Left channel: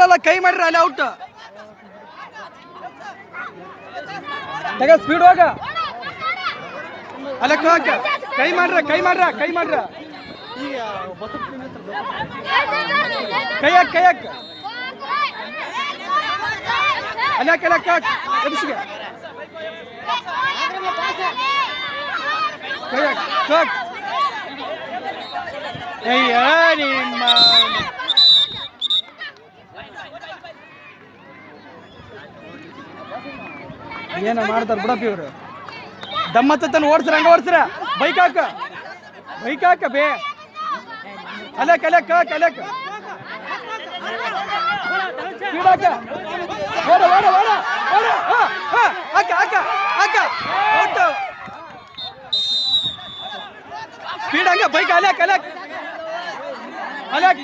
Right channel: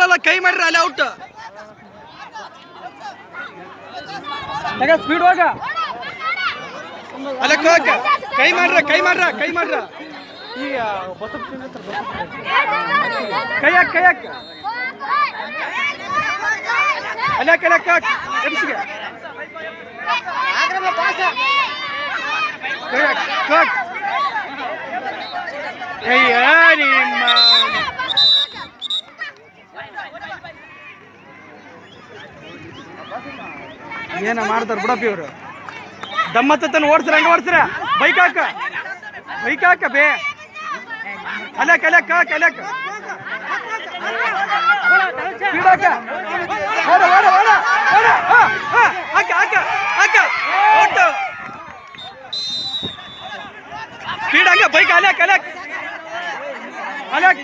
ಕೊಡ್ತಾರಲ್ಲ ಕೈ ಮಾಡ್ರಿ ಅಲ್ಲಿ ಔಟ್ ತಗ ಸ್ಪೀಡ್ ಹೋಗ. ಅಲ್ಲ ಕೈ ಮಾಡ್ರ ಕೈ ಮಾಡ್ರ ಕೈ ಮಾಡ್ರ. ಕೈ ಹಾಕ್ ಕೈ ಹಾಕ್. ಅಲ್ಲ ಕೈ ಹಾಕ್. ಹಾಕ್ ಎಬ್ಸಿಗೆ ಅಯ್ಯ, ನಿಮ್ಮ ಏನ ಮಾಡ್ತಾರ ಬಿಡಪ್ಪ ಇವರು. ದಮ್ಮತ್ತನ ಓಡ್ಸ್ರ, ಹಂಗ ಓಡ್ಸ್ರ. ಬೈಕ್ ಹಾಕ. ಬೈಕ್ ಹಾಕ ಬೇ. ಅಲೆಕ್ ಅಲೆಕ್ ಹಾಕ ಅಲೆಕ್ ಸ್ಪೀಡ್ ಓಡ ಓಡ ಓಡ ಓಡ ಹಾಕ ಹಾಕ ಹಾಕ. ಔಟ್ ಸ್ಪೀಡ್ ಹಂಗ, ಬೈಕ್ ಅಲೆಕ್ ಅಲೆಕ್ ಅಲೆಕ್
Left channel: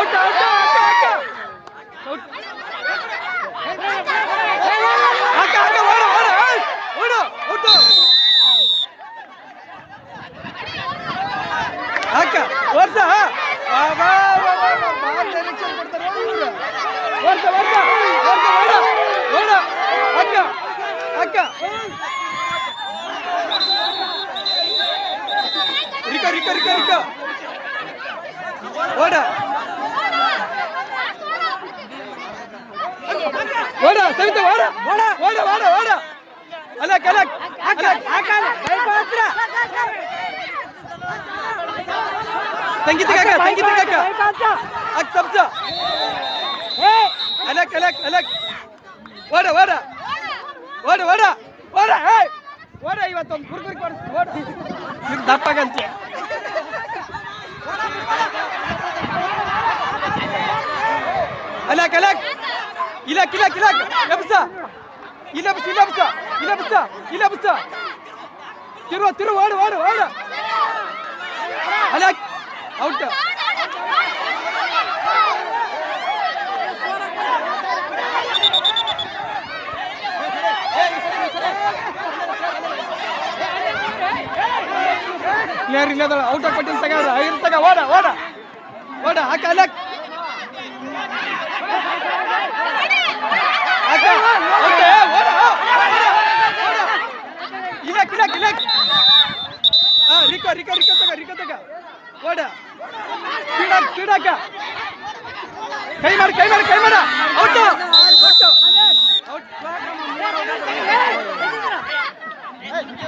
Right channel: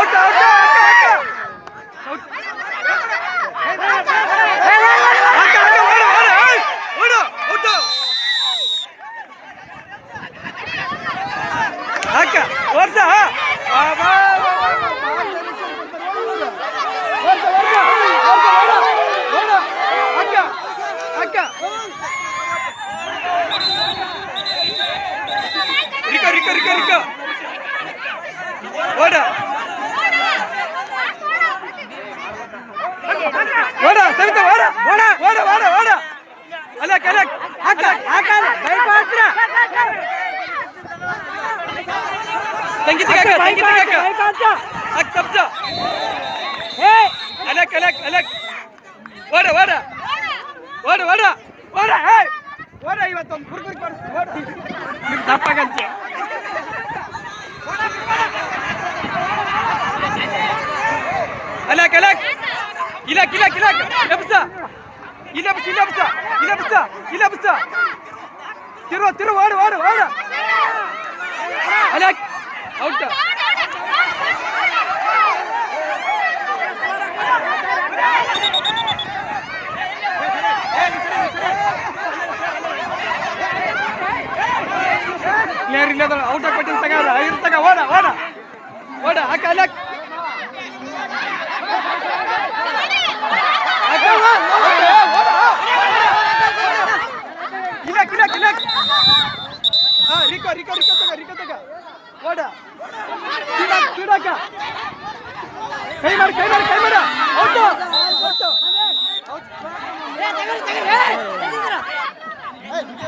ಓಟ ಔಟ್ ಹಾಕ ಹಾಕ. ರಿಕೋ ರಿಕೋ ರಿಕೋ ರಿಕೋ ಓಡ ಓಡ ಸವಿತ ಓಡ ಓಡ ಓಡ ಓಡ ಓಡ ಅಲ್ಲ ಕಲ ಹಾಕ ಹಾಕ ಬೈಕ್ ಹಾಕ್ರ ಸಂಗೀತ ಕಾಕ ಸಂಗೀತ ಕಾಕ ಹಾಕ್ ತಪ್ಸ ಏ ಅಲಕ್ ಅಲಕ್ ಅಲಕ್ ಓಡ ಓಡ ಓಡ ಓಡ ಓಡ ಏ ಓಡ ಇವತ್ತೊಂದು ಕುರ್ಕುರಿ ಕೊಡಿಸ್ತು ಓಡ ನಿಮ್ಗೆ ದಪ್ಪಾಗಂತೆ ಅಲಕ್ ಅಲಕ್ ಇಲಕ್ ಇಲಕ್ ಇಲಕ್ ಎಬ್ಸ ಇಲೆಬ್ಸ ಇಲೆಬ್ಸ ಇಲೆಬ್ಸ ಇಲೆಬ್ಸ ತಿರುವ ತಿರು ಓಡು ಓಡು ಓಡು. ಅಲಕ್ ಔಟ್ ನೇರ್ ಇಲ್ಲ ಔಟ್ ಕೊಟ್ಟಿನ ತಗ ಓಡ ಓಡ ಓಡ ಹಾಕ ಹಾ ರಿಕೋ ರಿಕೋ ರಿಕೋ ತಗ ರಿಕೋ ತಗ. ಓಡ ಸ್ಪೀಡ್ ಹಾಕ ಸ್ಪೀಡ್ ಹಾಕ ಕೈ ಮಾಡಿ ಕೈ ಮಾಡಿ ಔಟ್ ಔಟ್ ರಿಕೋ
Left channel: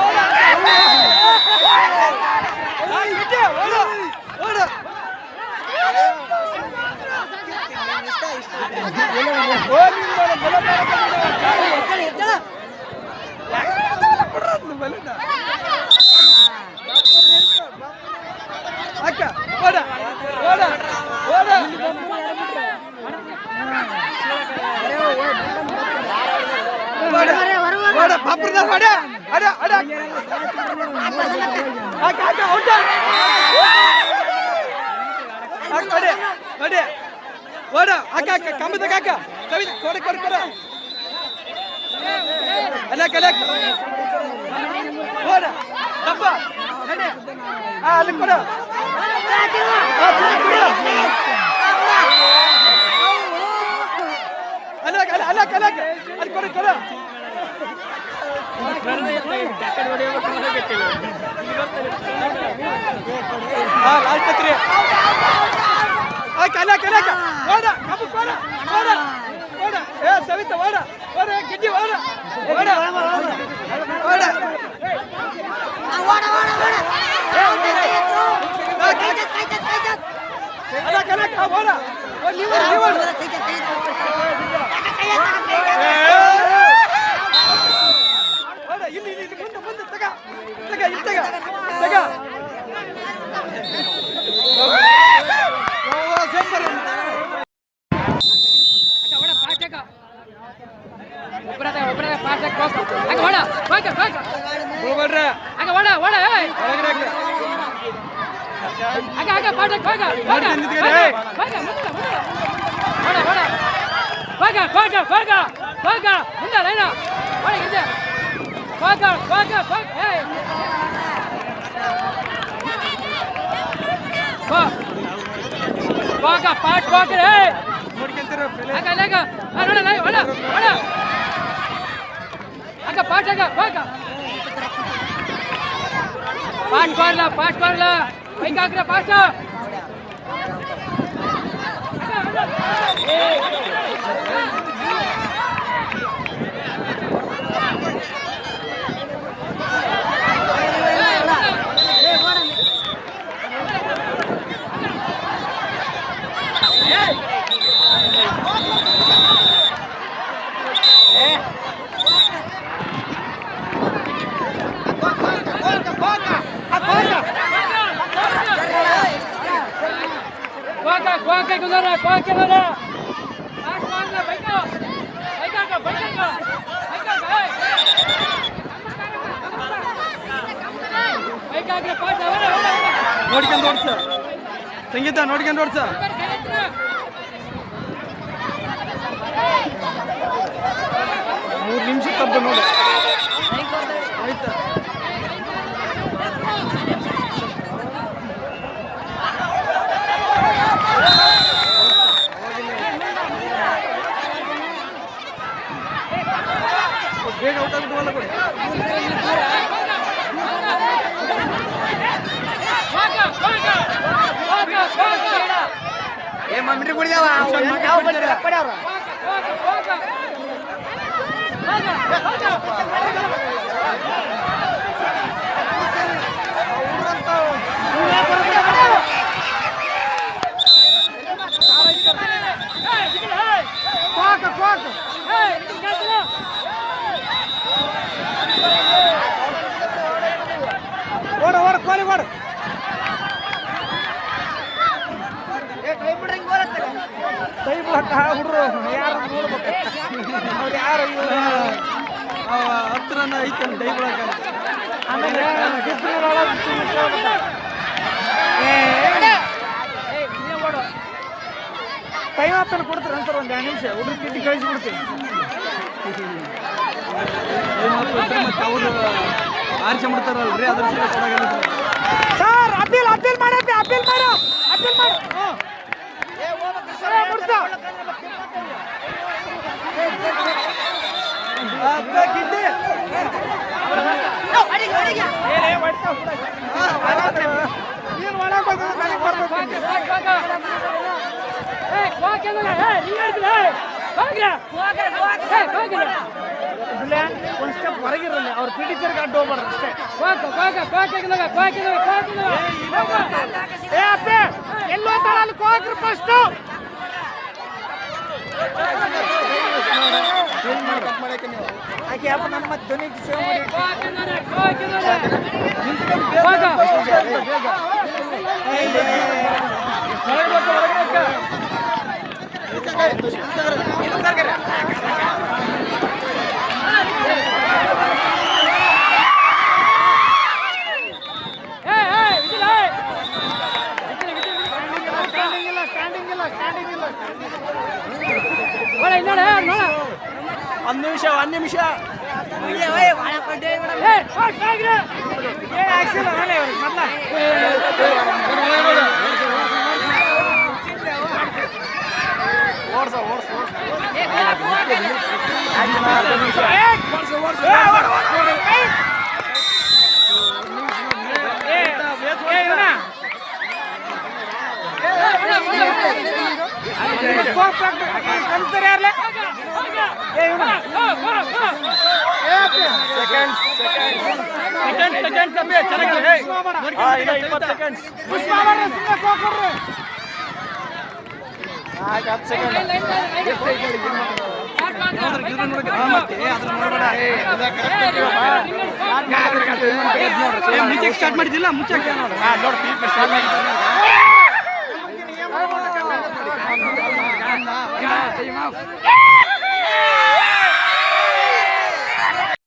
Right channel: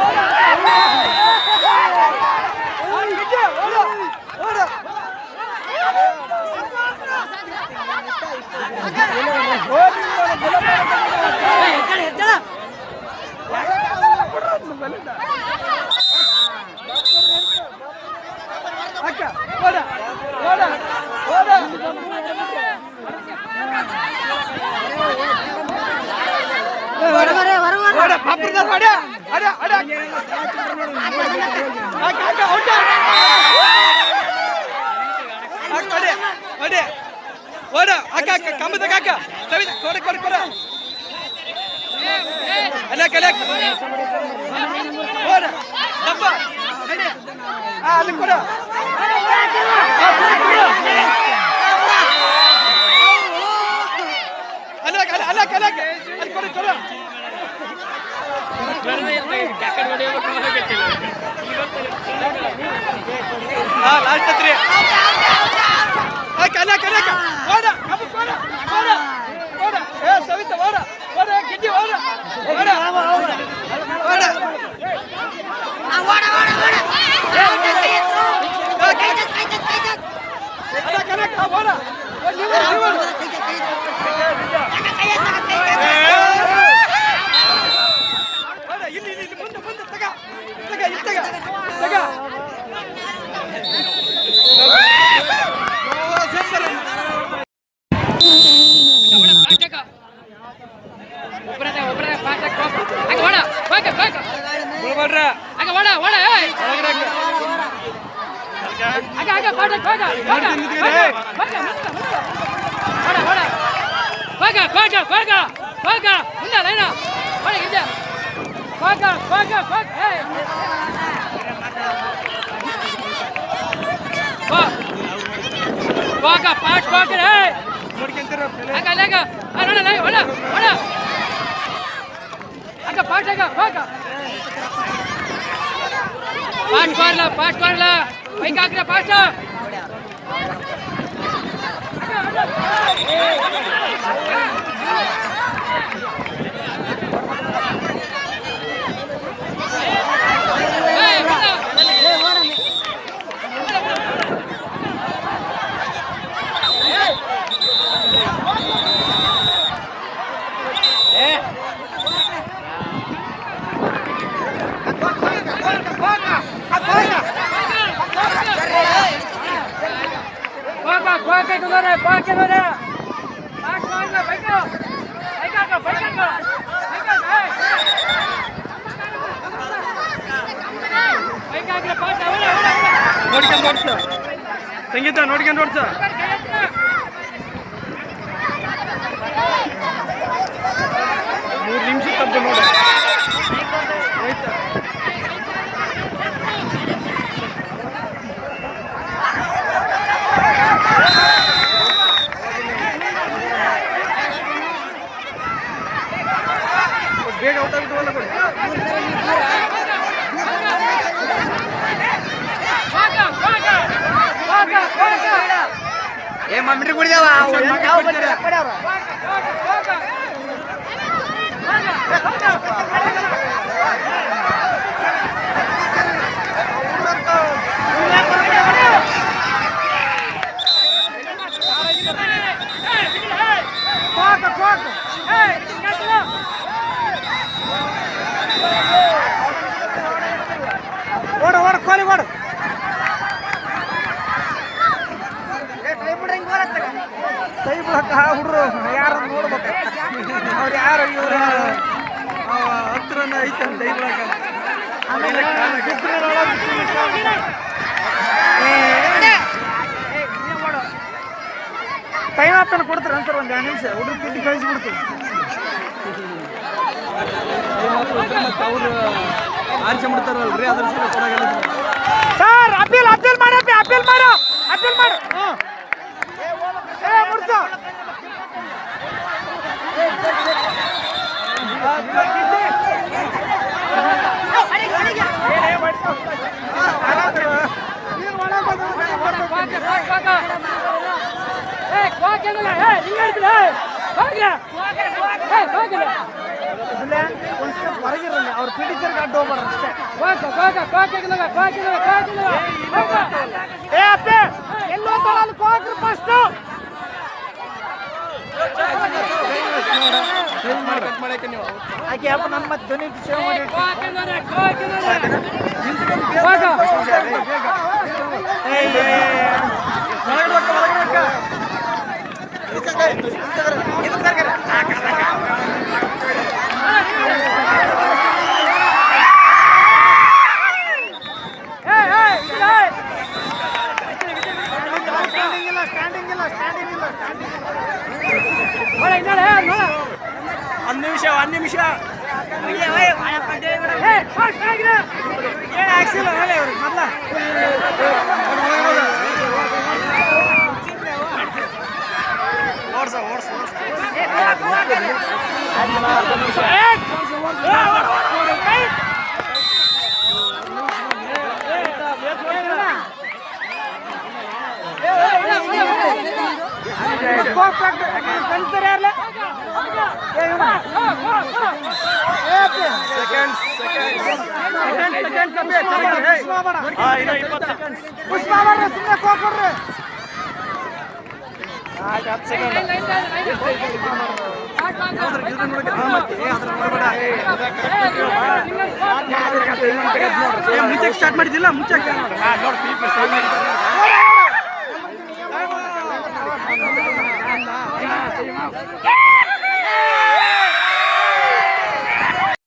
ಓಡ ಪಾಪದ ಓಡ ಅಡ ಅಡ ಅಕ್ಕ ಅಕ್ಕ ಔಟ ಅಕ್ಕ ಓಡಿ ಓಡಿ ಓಡ ಅಕ್ಕ ಅಕ್ಕ ಕಂಬದ ಕಾಕ ಸವಿ ಕೊಡ ಕೊಡ ಕೊಡ ಅಲಕ್ ಅಲಕ್ ಓಡ ಡಬ್ಬ ಆ ಅಲ್ಲಿ ಕೊಡ ಆ, ಕೊಡು, ಕೊಡು. ಅಲಕ್ ಅಲ ಅಲಕ್ ಅಲಕ್ ಅಲ್ಲಿ ಕೊಡು ಕೊಡು ಹಾ ಲಾಸ್ಟ್ ಹತ್ರಿ ಅಲಕ್ ಅಲಕ್ ಅಲಕ್ ಓಡ ಕಬ್ಬು ಓಡ ಓಡ ಓಡ ಏ ಸವಿತ ಓಡ ಓಡ ಗಿಡ್ಡಿ ಓಡ ಓಡ ಓಡ ಅಲಕ್ ಅಲಕ್ ಆ, ಓಡ ಓ, ನೀವು ನೀವು ಓಡ ಇಲ್ಲಿ ಇಲ್ಲಿ ಇಲ್ಲಿ ಮುಂದೆ ಮುಂದೆ ತಗ ತಗ ಇಲ್ಲಿ ತಗ ತಗ ಸೂಪರ್ ಮಾಡ್ರ அங்க வாடா வாடா ஏய் ಒಳಗಡೆ அங்க Back up, back up, back hey. Back up, back, back it, hey. Lega, lega. Ora, lega, ora, ora. Lega, back, lega, back up. Pass, pass, la, pass, pass, la. Hey, kakra, pass, la. Hey, hey. ನೋಡ್ಕೊಂಡು ಓಡ್ಸ. ಸಂಗೀತ ನೋಡ್ಕೊಂಡು ಓಡ್ಸ. ಮೂರು ನಿಮಿಷ ತಪ್ಪು ನೋಡಿ. ಆಯ್ತಾ. ಬೇಗ out ಬಂದ ಕೊಡಿ ఏ మమ్మీ కుడిదావా కోక కోక ఓడ ఓడ కోలి ఓడు ಕೈ ಬಿಡಕ್ಕ ಹುಡ್ರು ಯಾರು ನೋಡ್ಬೇಕು? ಅವ್ರು ಯಾರು ಹತ್ರನ ಐತನ್ ಕೈ ಬಿಡಕ್ಕ ಆಮೇಲೆ ಟೈಮ್ ಆತನ ಕೊಡ್ತಾರೆ ಅಂತಾರೆ ಒಂದು ಎರಡು ನಿಮಿಷ? ಹುಡುಗ ತಿಂಡಿ ಕಳಿಸ್ಬಿಡ್ತೀವಿ. ಮತ್ತೆ ಅವರು ಮಾಡ್ತಾರಲ್ರಿ ಅದ್ರ ಸಲ ಕೊಡೋಲ್ಲ ಸರ್ ಅಪೀಲ್ ಅಪೀಲ್ ಮಾಡಪ್ಪ ಅಪೀಲ್ ಮಾಡು ಅಪೀಲ್ ಮಾಡು. ಹ್ಞೂ ನೀನು ಒಳಗೆ ಬಂದ್ರೆ ನನಗೆ ಇದ್ರಲ್ಲೇ ಒಂದು ಸ್ಟೆಪ್ ಅವ್ರ ಪಿ ಟೀಚರ್ಗೆ ಅಡ್ಡ ಹೋಗ್ಬಾರ್ದು ಅಷ್ಟೇ ಏ ಅಪ್ಪೆ, ಎಲ್ಲೋ ತರ ಅಲ್ಲಿ ಕೋಕ್ರಿ ಫಸ್ಟ್ ಆಕೆ ಅಪ್ಪ ನನ್ನ ಮತ್ತೆ ಧ್ವನಿ ಸೇವ್ ಮಾಡಿ ಸ್ಟ್ಯಾಂಡಿಂಗ್ ನಿಮಿಷ ಒಂದು ನಿಮಿಷ ಓಡ್ಸ ಓಡ್ಸ ಓಡ್ಸ ಅರ್ಧ ನಿಮಿಷ ಕಲಿಸ್ತಾರೆ ಯಾರ್ಲೆ ಏ ಇವನ ಸೆಕೆಂಡ್ ಸ್ಟಾರ್ಟ್ ಮಾಡಿದ್ದಿಲ್ಲ ಮುಚ್ಚಕ್ಕೆ ನೋಡಿ